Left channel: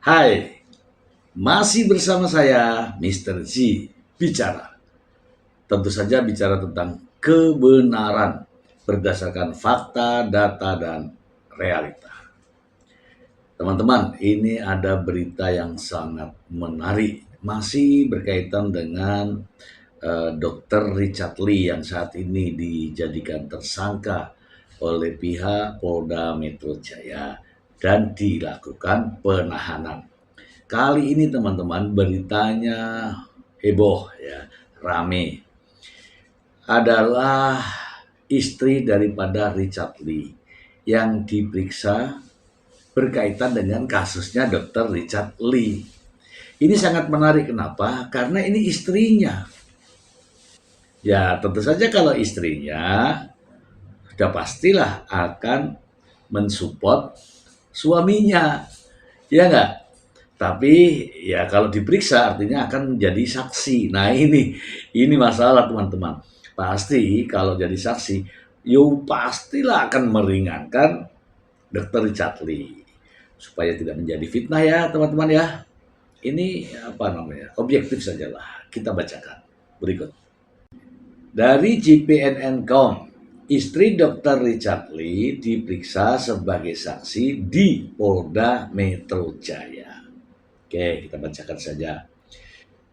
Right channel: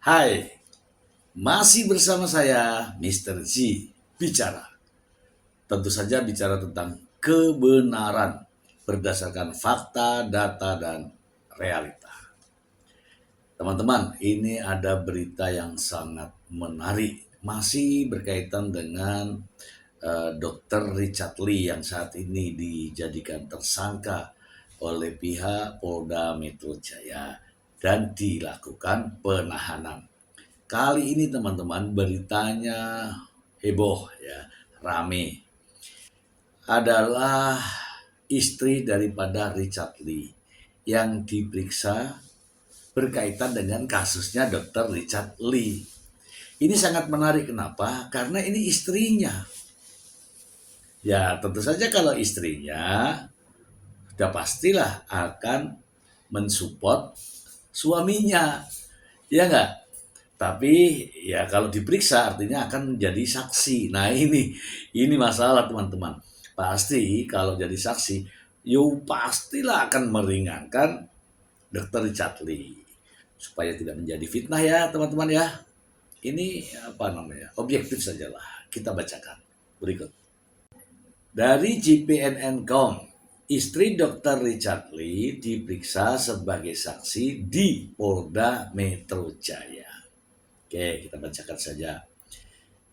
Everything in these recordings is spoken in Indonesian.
Hai, masih bersama saya Mr. G bicara. Tentu saja bicara tentang kebenaran berdasarkan fakta, data, dan realita. Teman-teman, ini ada berita yang sangat menarik. Masih berkaitan dengan Dr. Richard Lee yang saat ini dijadikan tersangka oleh pihak Polda Metro Jaya dan dilakukan penahanan. Kali ini teman-teman beritanya heboh ya, rame. Adalah istri daripada Richard Lee yang diperiksa berkaitan dengan kasusnya Dr. Richard Lee. Ini sangat menarik, kenapa? Karena ini istrinya. Ya tentu saja kalau istrinya sudah pastilah akan mensupport suaminya, ya nggak? Tapi ya kalau diperiksa artinya akan menjadi saksi. Nah ini masalah teman-teman. Pasti kalau jadi saksi, yo pastilah akan meringankan Dr. Richard Lee. Supaya tidak menjadi fitnah ya teman-teman ya. Ini apa namanya, objektif sajalah. Kita bacakan berikut. Dari GPNN.com, istri Dr. Richard Lee diperiksa sebagai saksi di Polda Metro Jaya. Oke, kita bacakan saja.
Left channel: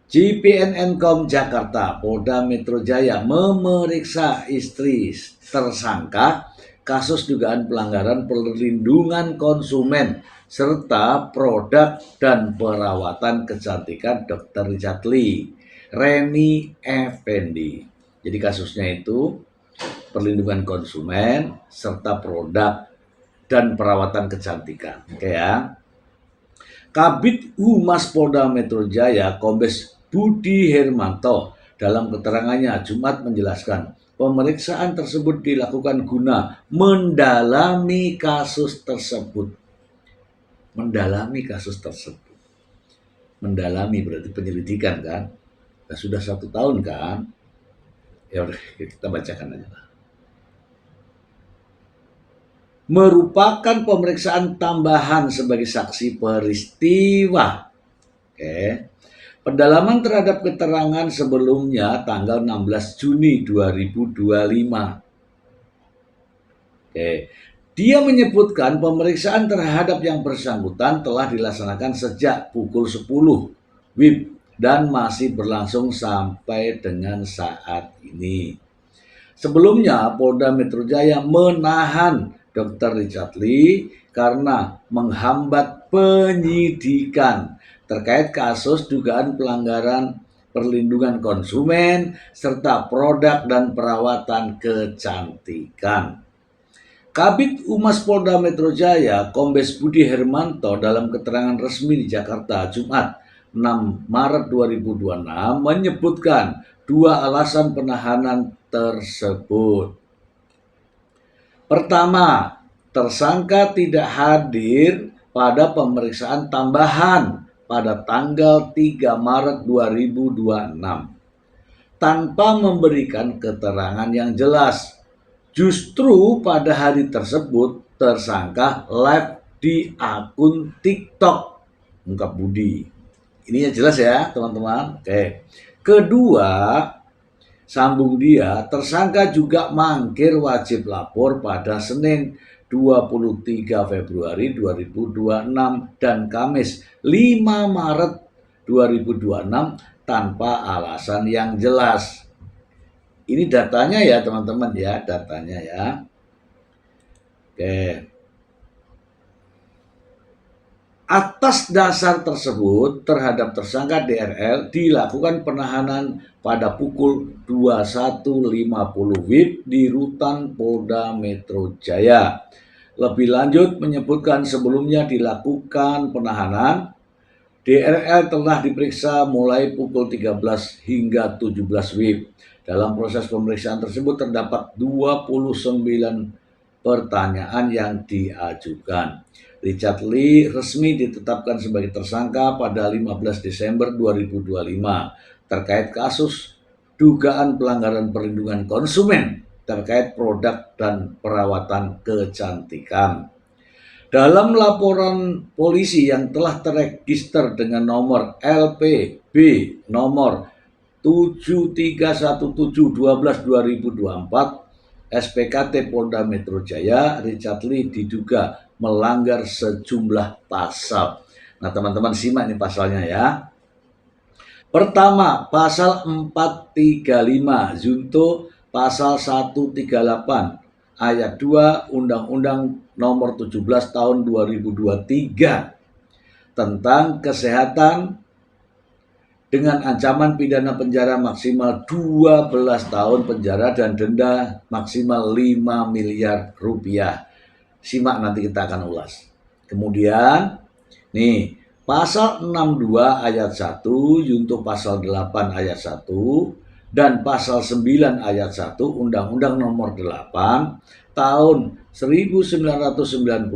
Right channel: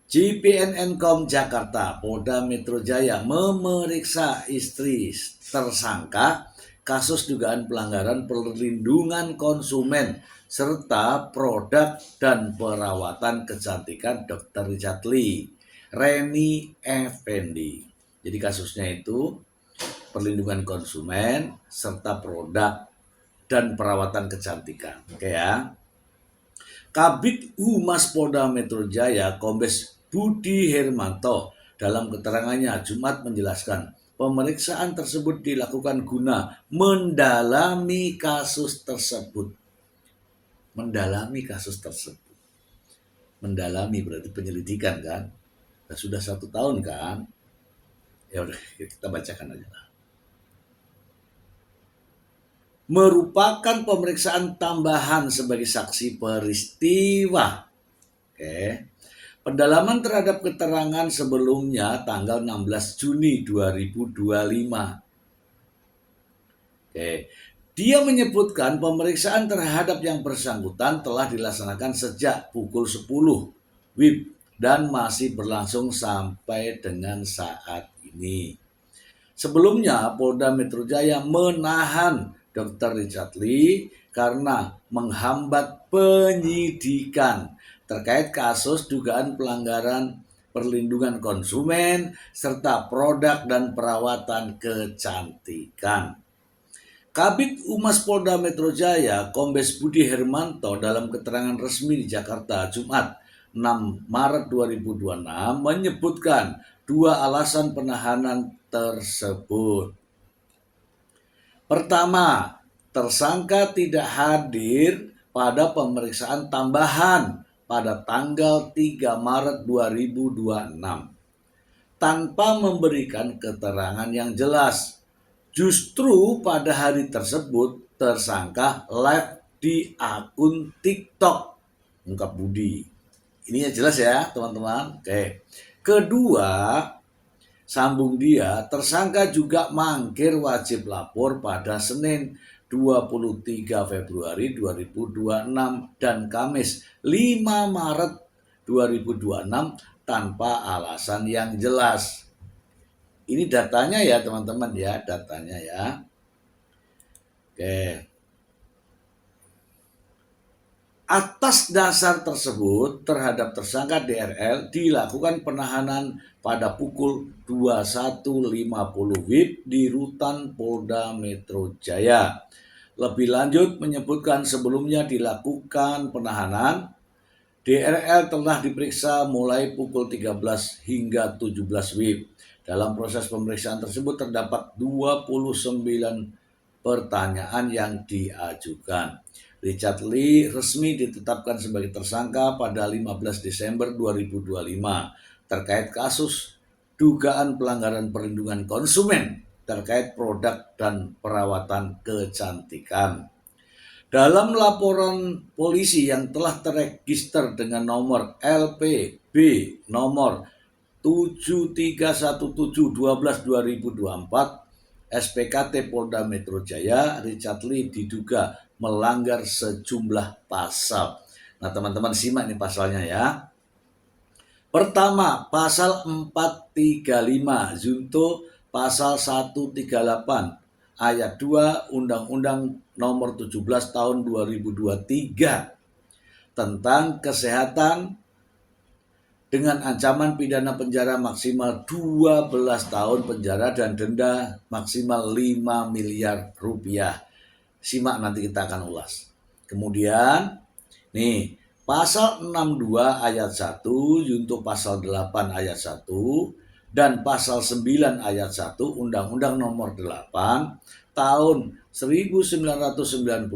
GPNN.com Jakarta, Polda Metro Jaya memeriksa istri tersangka kasus dugaan pelanggaran perlindungan konsumen serta produk dan perawatan kecantikan Dr. Richard Lee, Reni Effendi. Jadi kasusnya itu perlindungan konsumen serta produk dan perawatan kecantikan. Oke ya. Kabid Humas Polda Metro Jaya Kombes Budi Hermanto dalam keterangannya Jumat menjelaskan pemeriksaan tersebut dilakukan guna mendalami kasus tersebut. Mendalami kasus tersebut. Mendalami berarti penyelidikan kan? Nah, sudah 1 tahun kan? Ya udah kita bacakan aja lah. Merupakan pemeriksaan tambahan sebagai saksi peristiwa. Oke. Pendalaman terhadap keterangan sebelumnya tanggal 16 Juni 2025. Oke. Dia menyebutkan pemeriksaan terhadap yang bersangkutan telah dilaksanakan sejak pukul 10 WIB dan masih berlangsung sampai dengan saat ini. Sebelumnya Polda Metro Jaya menahan Dr. Richard Lee karena menghambat penyidikan terkait kasus dugaan pelanggaran perlindungan konsumen serta produk dan perawatan kecantikan. Kabid Humas Polda Metro Jaya Kombes Budi Hermanto dalam keterangan resmi di Jakarta Jumat 6 Maret 2026 menyebutkan dua alasan penahanan tersebut. Pertama, tersangka tidak hadir pada pemeriksaan tambahan pada tanggal 3 Maret 2026 tanpa memberikan keterangan yang jelas. Justru pada hari tersebut tersangka live di akun TikTok Ungkap Budi. Ini ya jelas ya teman-teman. Oke. Kedua, sambung dia, tersangka juga mangkir wajib lapor pada Senin 23 Februari 2026 dan Kamis 5 Maret 2026 tanpa alasan yang jelas. Ini datanya ya teman-teman ya, datanya ya. Oke. Atas dasar tersebut terhadap tersangka DRL dilakukan penahanan pada pukul 21.50 WIB di Rutan Polda Metro Jaya. Lebih lanjut menyebutkan sebelumnya dilakukan penahanan, DRL telah diperiksa mulai pukul 13 hingga 17 WIB. Dalam proses pemeriksaan tersebut terdapat 29 pertanyaan yang diajukan. Richard Lee resmi ditetapkan sebagai tersangka pada 15 Desember 2025 terkait kasus dugaan pelanggaran perlindungan konsumen terkait produk dan perawatan kecantikan. Dalam laporan polisi yang telah terregister dengan nomor LPB nomor 731712/2024 SPKT Polda Metro Jaya, Richard Lee diduga melanggar sejumlah pasal. Nah, teman-teman simak nih pasalnya ya. Pertama, pasal 435 junto pasal 138 ayat 2 Undang-Undang nomor 17 tahun 2023 tentang kesehatan dengan ancaman pidana penjara maksimal 12 tahun penjara dan denda maksimal 5 miliar rupiah. Simak nanti kita akan ulas. Kemudian, nih, pasal 62 ayat 1 junto pasal 8 ayat 1 dan pasal 9 ayat 1 Undang-Undang nomor 8 tahun 1999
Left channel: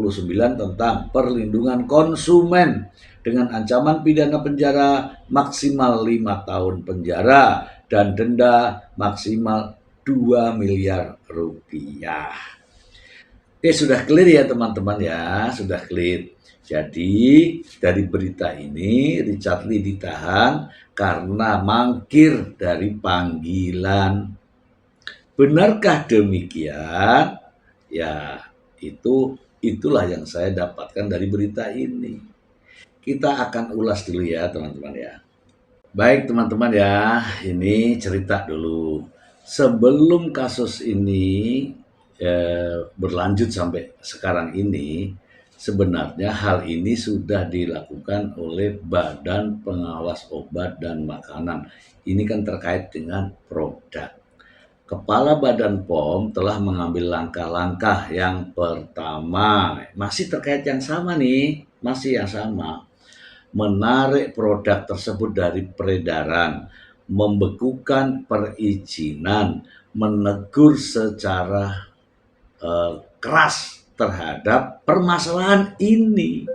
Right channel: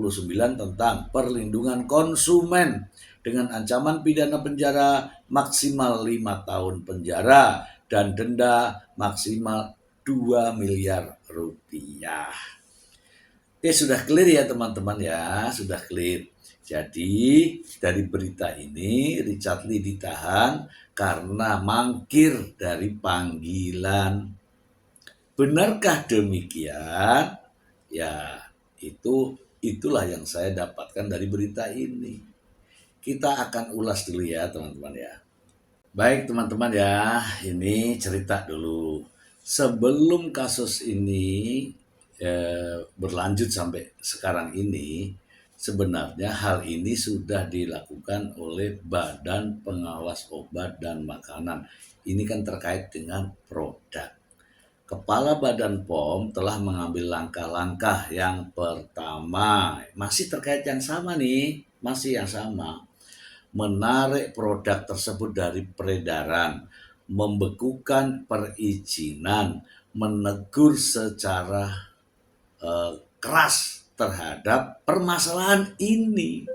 tentang perlindungan konsumen dengan ancaman pidana penjara maksimal 5 tahun penjara dan denda maksimal 2 miliar rupiah. Oke, sudah clear ya teman-teman ya, sudah clear. Jadi dari berita ini Richard Lee ditahan karena mangkir dari panggilan. Benarkah demikian? Ya, itulah yang saya dapatkan dari berita ini. Kita akan ulas dulu ya teman-teman ya. Baik teman-teman ya, ini cerita dulu. Sebelum kasus ini berlanjut sampai sekarang ini, sebenarnya hal ini sudah dilakukan oleh Badan Pengawas Obat dan Makanan. Ini kan terkait dengan produk. Kepala Badan POM telah mengambil langkah-langkah. Yang pertama, masih terkait yang sama nih, masih yang sama. Menarik produk tersebut dari peredaran, membekukan perizinan, menegur secara keras terhadap permasalahan ini,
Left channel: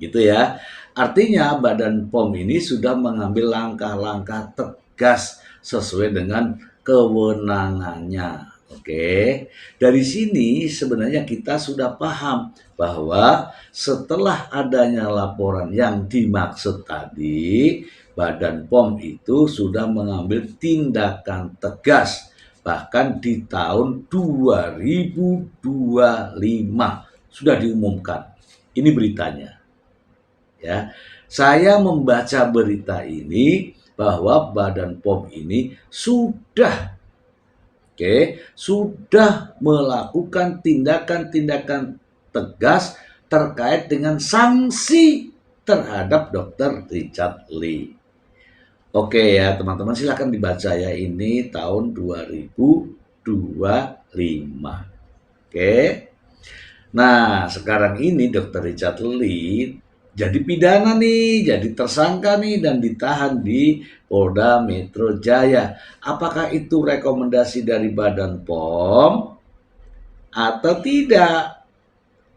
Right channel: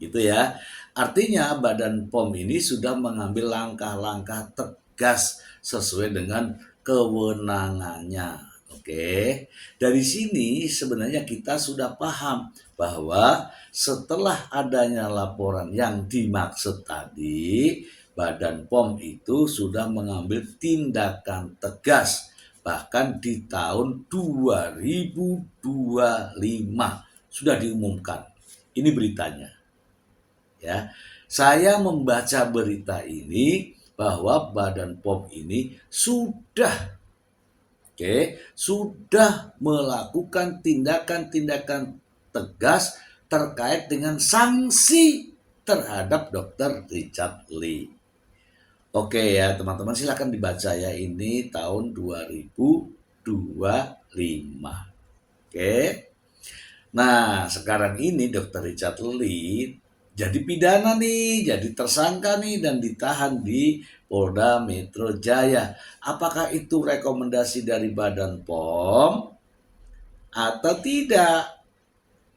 gitu ya. Artinya Badan POM ini sudah mengambil langkah-langkah tegas sesuai dengan kewenangannya. Oke, dari sini sebenarnya kita sudah paham bahwa setelah adanya laporan yang dimaksud tadi, Badan POM itu sudah mengambil tindakan tegas. Bahkan di tahun 2025 sudah diumumkan. Ini beritanya. Ya, saya membaca berita ini bahwa Badan POM ini sudah melakukan tindakan-tindakan tegas terkait dengan sanksi terhadap Dr. Richard Lee. Oke ya teman-teman, silakan dibaca ya, ini tahun 2025. Oke. Nah, sekarang ini Dr. Richard Lee jadi pidana nih, jadi tersangka nih dan ditahan di Polda Metro Jaya. Apakah itu rekomendasi dari Badan POM atau tidak?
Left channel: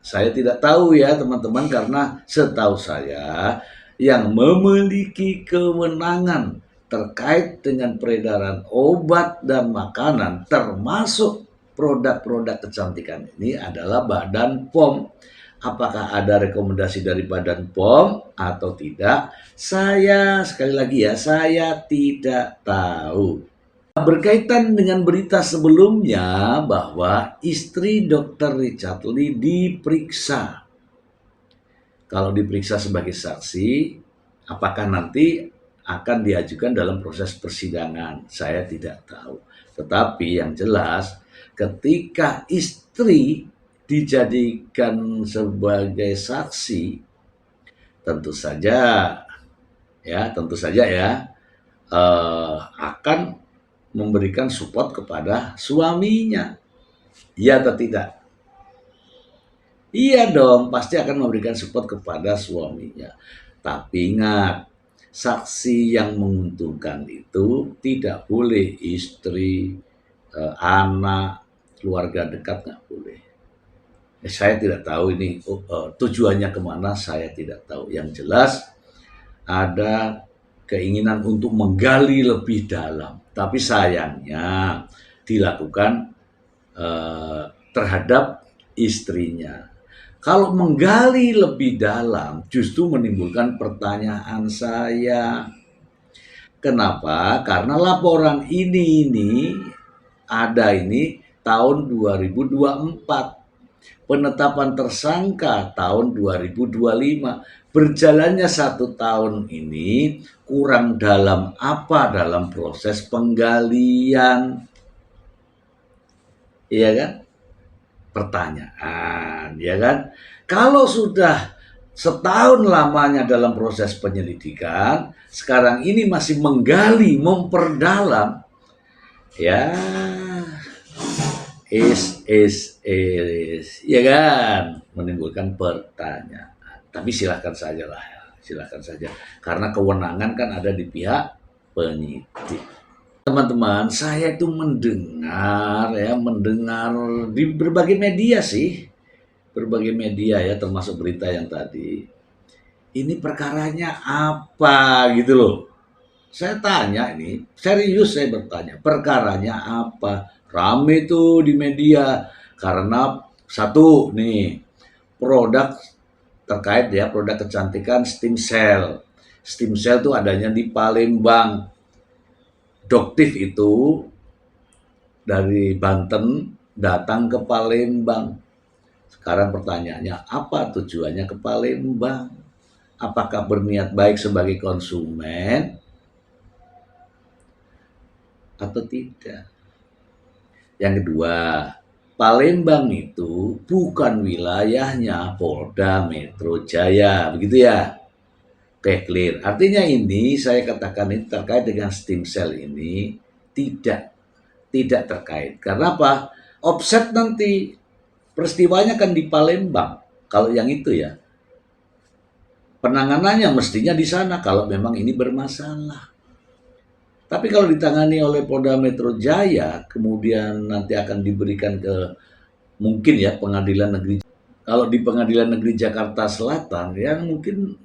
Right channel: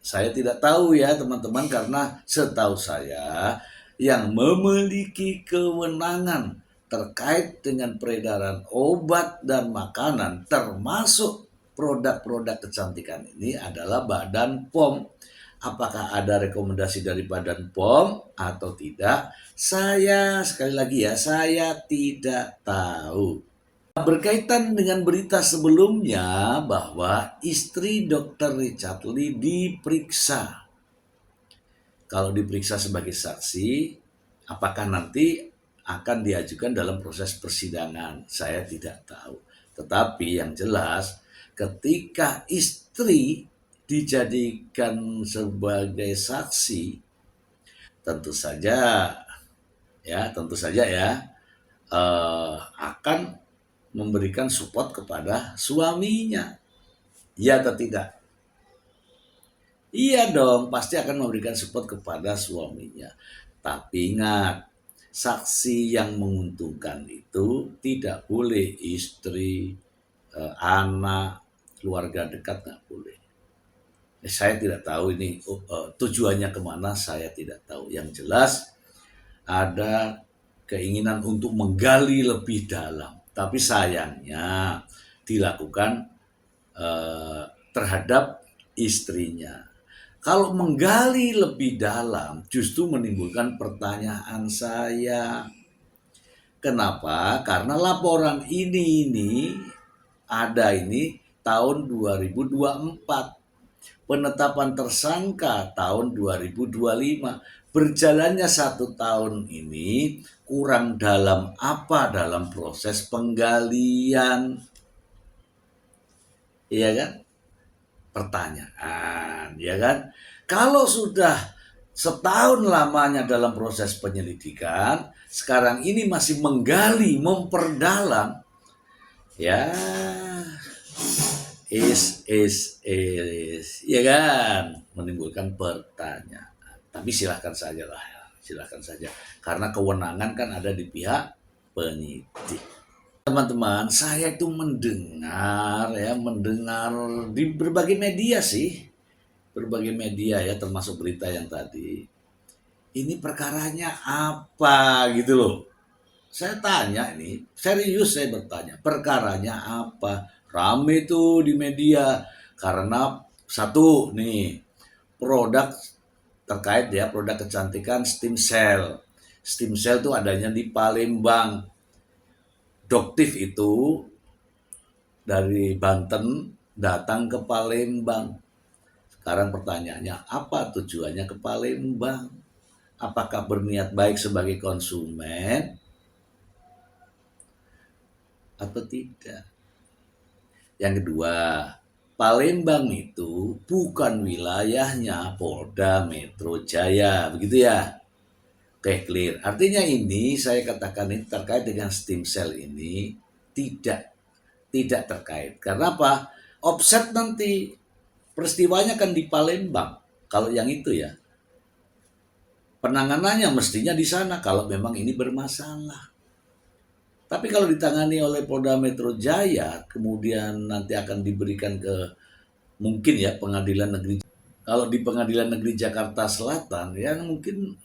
Saya tidak tahu ya teman-teman, karena setahu saya yang memiliki kewenangan terkait dengan peredaran obat dan makanan termasuk produk-produk kecantikan ini adalah Badan POM. Apakah ada rekomendasi dari Badan POM atau tidak? Saya sekali lagi ya, saya tidak tahu. Berkaitan dengan berita sebelumnya bahwa istri Dr. Richard Lee diperiksa. Kalau diperiksa sebagai saksi, apakah nanti akan diajukan dalam proses persidangan? Saya tidak tahu. Tetapi yang jelas, ketika istri dijadikan sebagai saksi, tentu saja ya akan memberikan support kepada suaminya. Iya atau tidak? Iya dong, pasti akan memberikan support kepada suaminya. Tapi ingat, saksi yang menguntungkan itu tidak boleh istri, anak, keluarga dekat, nggak boleh. Saya tidak tahu ini tujuannya kemana, saya tidak tahu. Yang jelas ada keinginan untuk menggali lebih dalam. Tapi sayangnya dilakukan terhadap istrinya. Kalau menggali lebih dalam justru menimbulkan pertanyaan saya. Kenapa? Karena laporan ini ada ini tahun 2024. Penetapan tersangka tahun 2025. Berjalannya 1 tahun ini kurang dalam apa dalam proses penggalian? Iya kan? Pertanyaan, ya kan? Kalau sudah setahun lamanya dalam proses penyelidikan, sekarang ini masih menggali, memperdalam, ya ya kan, menimbulkan pertanyaan. Tapi silahkan saja lah, silahkan saja, karena kewenangan kan ada di pihak penyidik. Teman-teman, saya itu mendengar di berbagai media sih, berbagai media ya, termasuk berita yang tadi. Ini perkaranya apa gitu loh. Saya tanya ini, serius saya bertanya, perkaranya apa? Rame tuh di media karena satu nih, produk terkait ya, produk kecantikan stem cell. Stem cell tuh adanya di Palembang. Doktif itu dari Banten datang ke Palembang. Sekarang pertanyaannya, apa tujuannya ke Palembang? Apakah berniat baik sebagai konsumen atau tidak? Yang kedua, Palembang itu bukan wilayahnya Polda Metro Jaya, begitu ya? Oke, clear. Artinya ini saya katakan ini terkait dengan stem cell ini tidak terkait. Karena apa? Offset nanti peristiwanya kan di Palembang. Kalau yang itu ya, penanganannya mestinya di sana kalau memang ini bermasalah. Tapi kalau ditangani oleh Polda Metro Jaya, kemudian nanti akan diberikan ke mungkin ya pengadilan negeri. Kalau di pengadilan negeri Jakarta Selatan, ya mungkin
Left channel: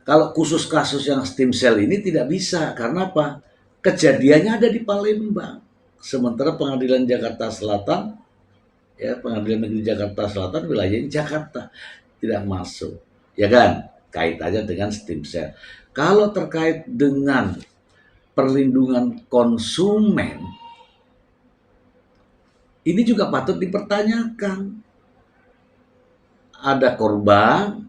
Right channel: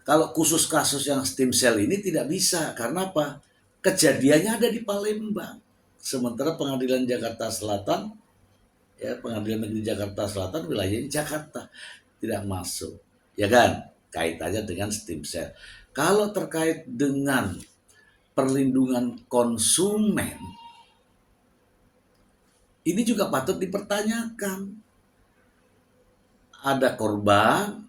kalau khusus kasus yang stem cell ini tidak bisa. Karena apa? Kejadiannya ada di Palembang. Sementara pengadilan Jakarta Selatan, ya pengadilan negeri Jakarta Selatan wilayahnya Jakarta, tidak masuk. Ya kan? Kaitannya dengan stem cell. Kalau terkait dengan perlindungan konsumen, ini juga patut dipertanyakan. Ada korban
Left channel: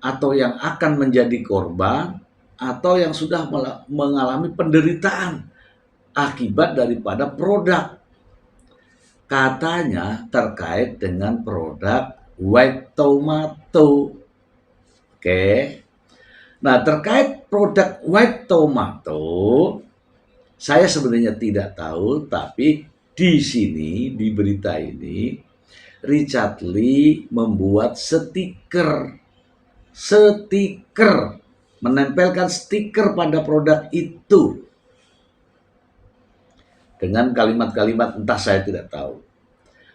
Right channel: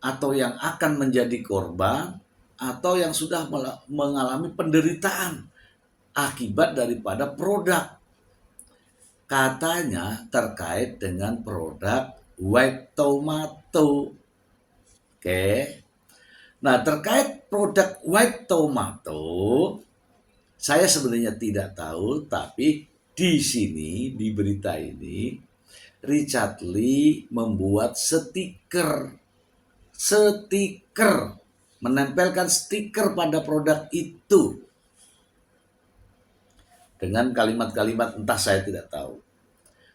atau yang akan menjadi korban atau yang sudah mengalami penderitaan akibat daripada produk. Katanya terkait dengan produk white tomato. Oke. Nah, terkait produk white tomato, saya sebenarnya tidak tahu, tapi di sini, di berita ini, Richard Lee membuat stiker, menempelkan stiker pada produk itu. Dengan kalimat-kalimat entah saya tidak tahu.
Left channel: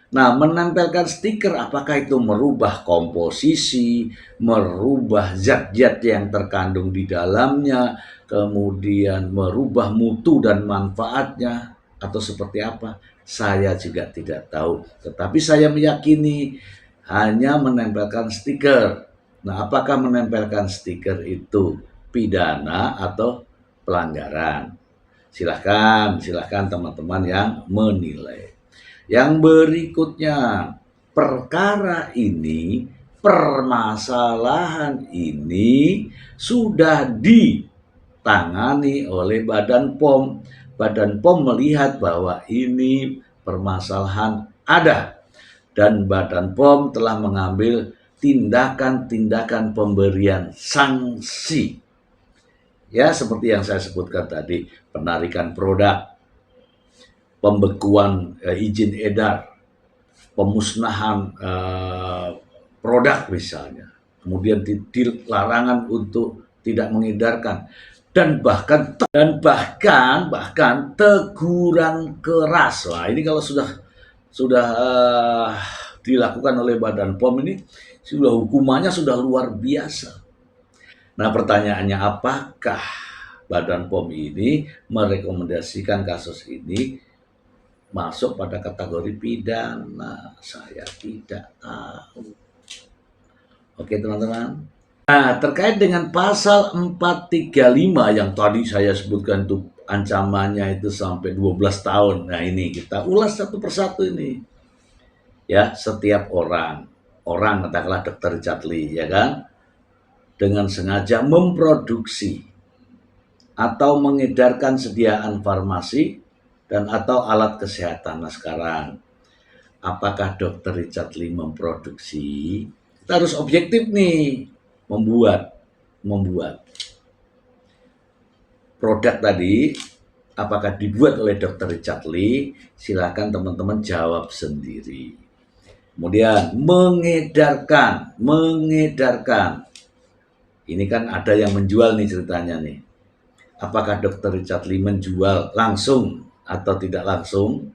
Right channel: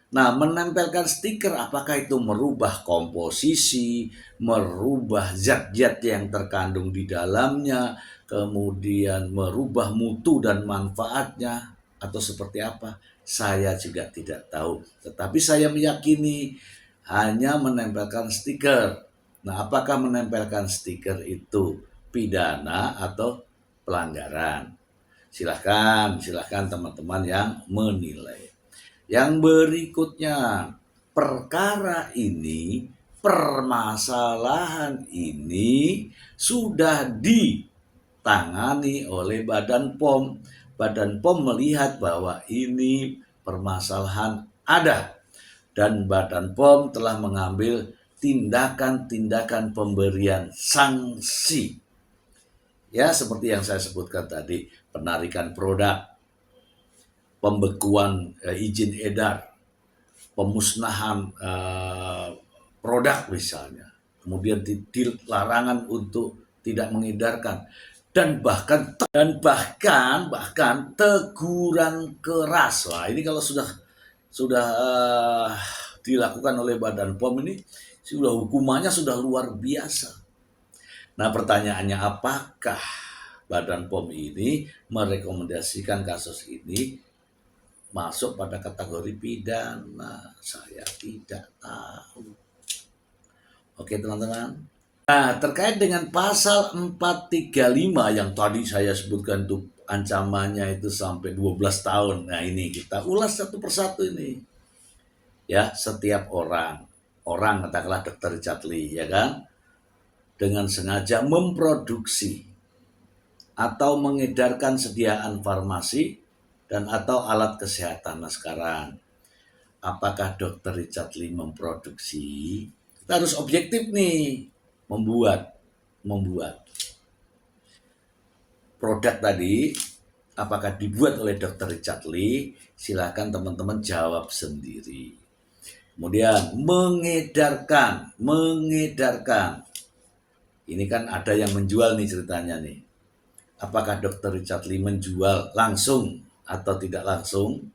Nah, menempelkan stiker apakah itu merubah komposisi, merubah zat-zat yang terkandung di dalamnya, kemudian merubah mutu dan manfaatnya, atau seperti apa? Saya juga tidak tahu. Tetapi saya meyakini hanya menempelkan stiker. Nah, apakah menempelkan stiker itu pidana atau pelanggaran? Silahkan teman-teman yang menilai. Yang berikutnya, permasalahan ini sudah ditangani oleh Badan POM. Badan POM melihat bahwa ini permasalahan ada. Dan Badan POM telah mengambil tindakan-tindakan pemberian sanksi. Ya, seperti yang saya sebutkan tadi, penarikan produk, pembekuan izin edar, pemusnahan produk misalnya, kemudian larangan untuk tidak mengedarkan, dan bahkan teguran keras. Wah, ini kalau sudah dilakukan oleh Badan POM ini sudah hukumannya sudah luar biasa. Nah, pertanyaannya, apakah Badan POM ini merekomendasikan kasus ini masuk pada kategori pidana? Saya tidak tahu. Oke teman-teman. Nah, terkait dengan pasal 435 yang tadi saya sebutkan itu ancamannya itu sampai 12 tahun. Nah, ini kita ulas satu persatu ini. Ya, setiap orang katakanlah Dr. Richard Lee, ya kan, dengan sengaja memproduksi atau mengedarkan sediaan farmasi dan atau alat kesehatan. Nah, sekarang apakah Dr. Richard Lee memproduksi? Kita harus objektif nih, membuat produk tadi, apakah dibuat oleh Dr. Richard Lee? Silakan teman-teman jawab sendiri. Kemudian mengedarkan. Ini kan ada yang menjual nih ceritanya nih. Apakah Dr. Richard Lee menjual langsung atau tidak langsung?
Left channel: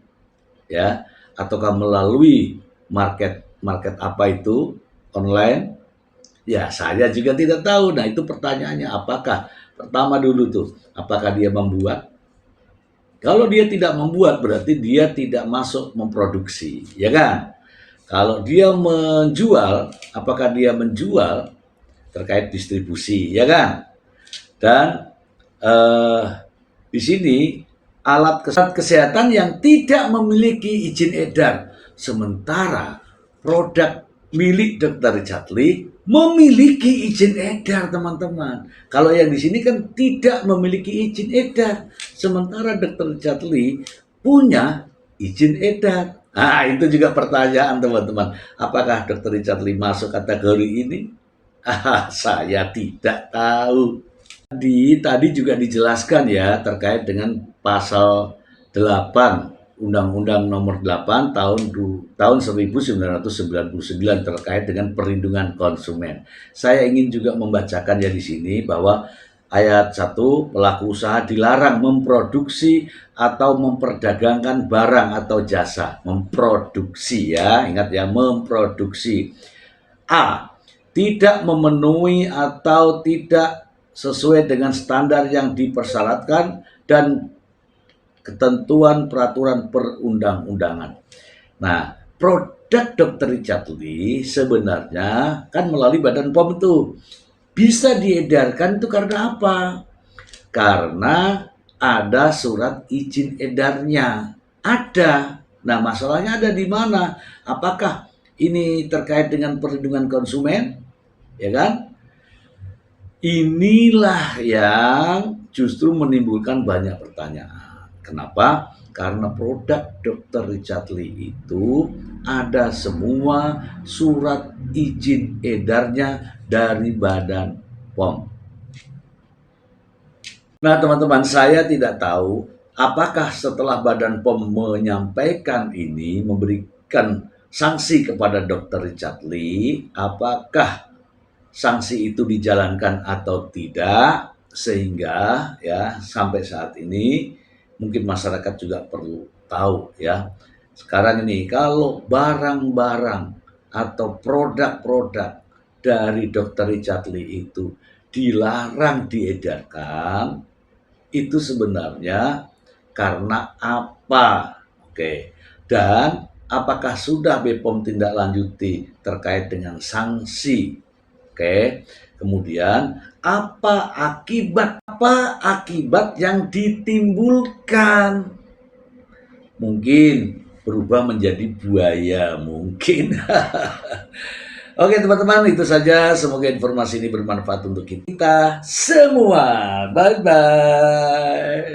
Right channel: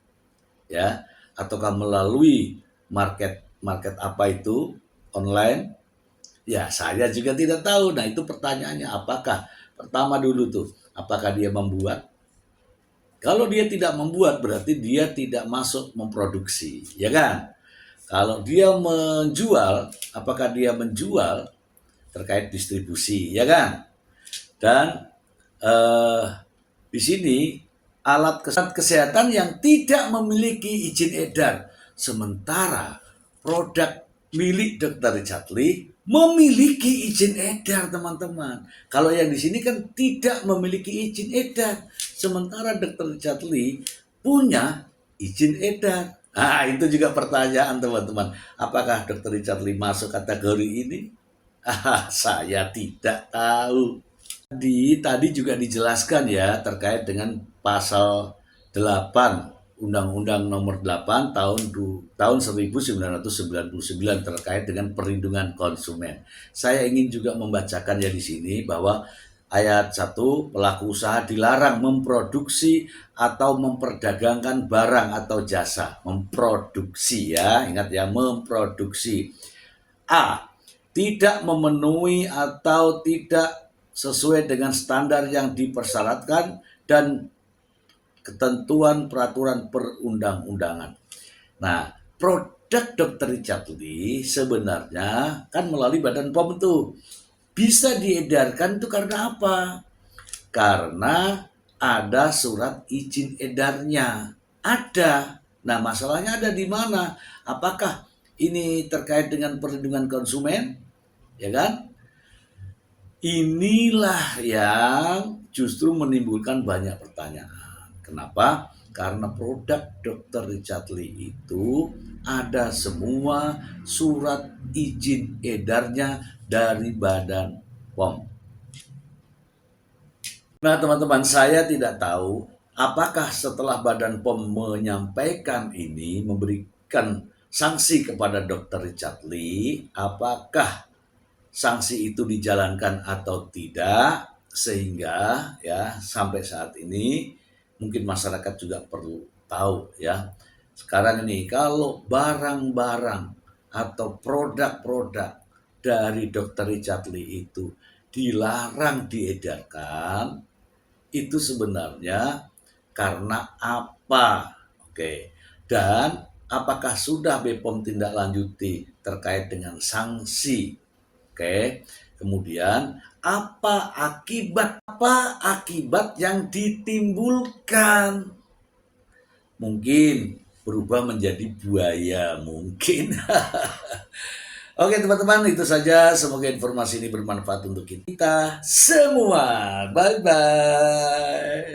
Ya, ataukah melalui market apa itu? Online? Ya, saya juga tidak tahu. Nah, itu pertanyaannya, apakah pertama dulu tuh, apakah dia membuat? Kalau dia tidak membuat berarti dia tidak masuk memproduksi, ya kan? Kalau dia menjual, apakah dia menjual terkait distribusi, ya kan? Dan di sini alat kesehatan yang tidak memiliki izin edar, sementara produk milik Dr. Richard Lee memiliki izin edar, teman-teman. Kalau yang di sini kan tidak memiliki izin edar, sementara Dr. Richard Lee punya izin edar. Nah, itu juga pertanyaan, teman-teman. Apakah Dr. Richard Lee masuk kategori ini? Saya tidak tahu. Tadi juga dijelaskan ya terkait dengan pasal 8 Undang-Undang Nomor 8 tahun 1999 terkait dengan perlindungan konsumen. Saya ingin juga membacakan ya di sini bahwa ayat 1, pelaku usaha dilarang memproduksi atau memperdagangkan barang atau jasa. Memproduksi ya, ingat ya, memproduksi. A. Tidak memenuhi atau tidak sesuai dengan standar yang dipersyaratkan dan ketentuan peraturan perundang-undangan. Nah, produk Dr. Richard Lee sebenarnya kan melalui Badan POM itu bisa diedarkan itu karena apa? Karena ada surat izin edarnya. Ada. Nah, masalahnya ada di mana? Apakah ini terkait dengan perlindungan konsumen? Ya kan? Inilah yang justru menimbulkan banyak pertanyaan. Kenapa? Karena produk Dr. Richard Lee itu ada semua surat izin edarnya dari Badan POM. Nah, teman-teman, saya tidak tahu apakah setelah Badan POM menyampaikan ini, memberikan sanksi kepada Dr. Richard Lee, apakah sanksi itu dijalankan atau tidak, sehingga ya sampai saat ini mungkin masyarakat juga perlu tahu ya. Sekarang ini kalau barang-barang atau produk-produk dari Dr. Richard Lee itu dilarang diedarkan, itu sebenarnya karena apa? Oke. Dan apakah sudah BPOM tindak lanjuti terkait dengan sanksi? Oke. Kemudian apa akibat yang ditimbulkan? Mungkin berubah menjadi buaya, mungkin. Oke teman-teman, itu saja. Semoga informasi ini bermanfaat untuk kita semua. Bye-bye.